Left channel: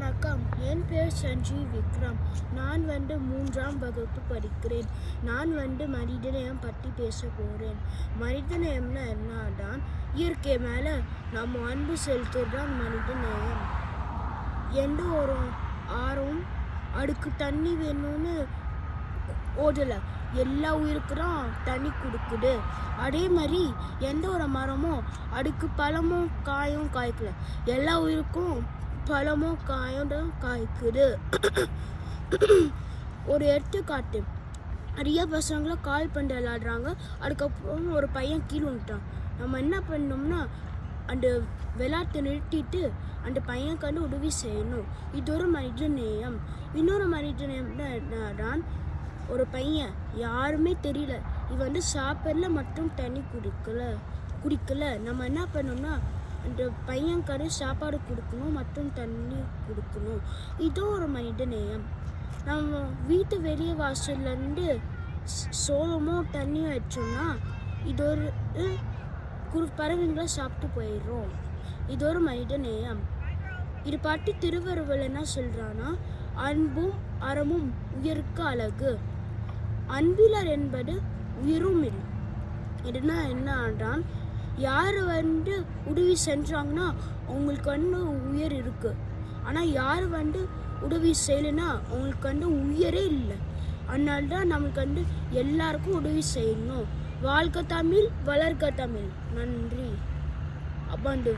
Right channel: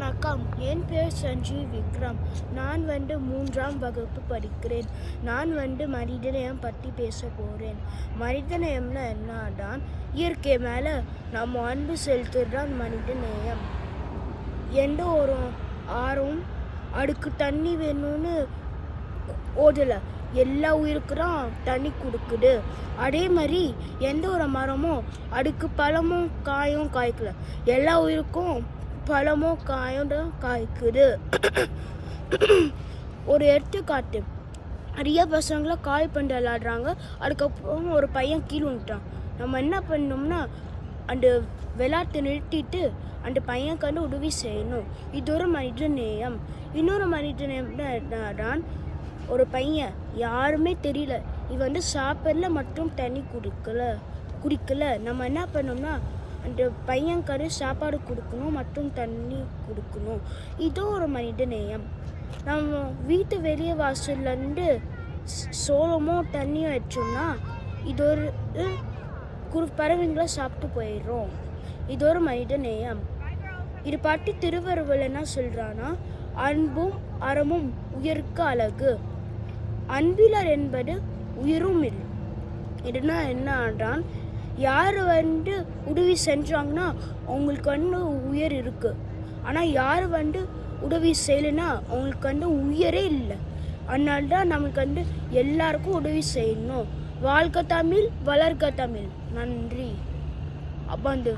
வணக்கம். என் பேர் சஞ்சீவ் விக்ரம். நான் மூன்றாம் வகுப்பு படிக்கிறேன். நான் மனிதநேயம் பற்றி பேச போகிறேன். மனிதநேயம்னா என்னதான் இயற்கை மேலே நம்ம அன்பு செலுத்துறதுதான் மனிதநேயம். எந்த ஒரு ஆறும் அதுக்கு தண்ணி வேணும்னு ஓடலை, எல்லா உயிருக்குதான் தண்ணி கொடுக்குது. அதே மாதிரி எந்த ஒரு மரமும் அதுக்கு பழமும் காயும் காய்க்கல, எல்லா உயிருக்கும் பழமும் காயும் தான் காய்க்குது. ஒரு எடுத்துக்காட்டு, நிறைய பசங்களை கால் பண்ணி விளாடுறாங்க. அதுக்கப்புறம் ஒரு பையன் கீழே வந்துட்டான். நம்ம என்ன பண்ணோம்னா அந்த விளையாட்டை நிறுத்திட்டு அந்த பையனுக்கு உதவி செய்யணும். இது ஒரு மனித நேயம். இன்னொரு மனித நேயம் தான், ஒரு பையன் யாருமே தெரியல, இவன் சாப்பிடல மற்றும் தண்ணி குடிக்கல. நம்ம என்ன பண்ணோம்னா அந்த பையனுக்கு சாப்பாடு கொடுக்கணும் மற்றும் தண்ணி கொடுக்கணும். இதோ ஒரு மனித நேயம். நம்ம வீட்டு வெளியே வாசல்லேருந்து சோளமோ தண்ணியோ வச்சோம்னா இது ஒரு பறவைங்களை சாப்பிட்டு போயிடுறோம். இது ஒரு மனித நேயம். இது பாட்டி திருவள்ளுவர் என்ன சொல்கிறான்னா, அன்பும் அறமும் உயிருக்கு அழகு, அன்பிலர் என்பது உயிரும் இல்லை. இதுனா என்னன்றான், யார் உதவி செஞ்சாங்கன்னா அவங்களுக்கு உயிர் இருக்குது. ஆனால் யார் உதவி செய்யலைன்னா அவங்களுக்கு உயிரே இல்லை. அதனால தான் நம்மளுக்கு எல்லாருக்கும் உதவி செய்யணும். வாழ்க தமிழ், வளர்க தமிழ். நன்றி. அப்பாண்டு.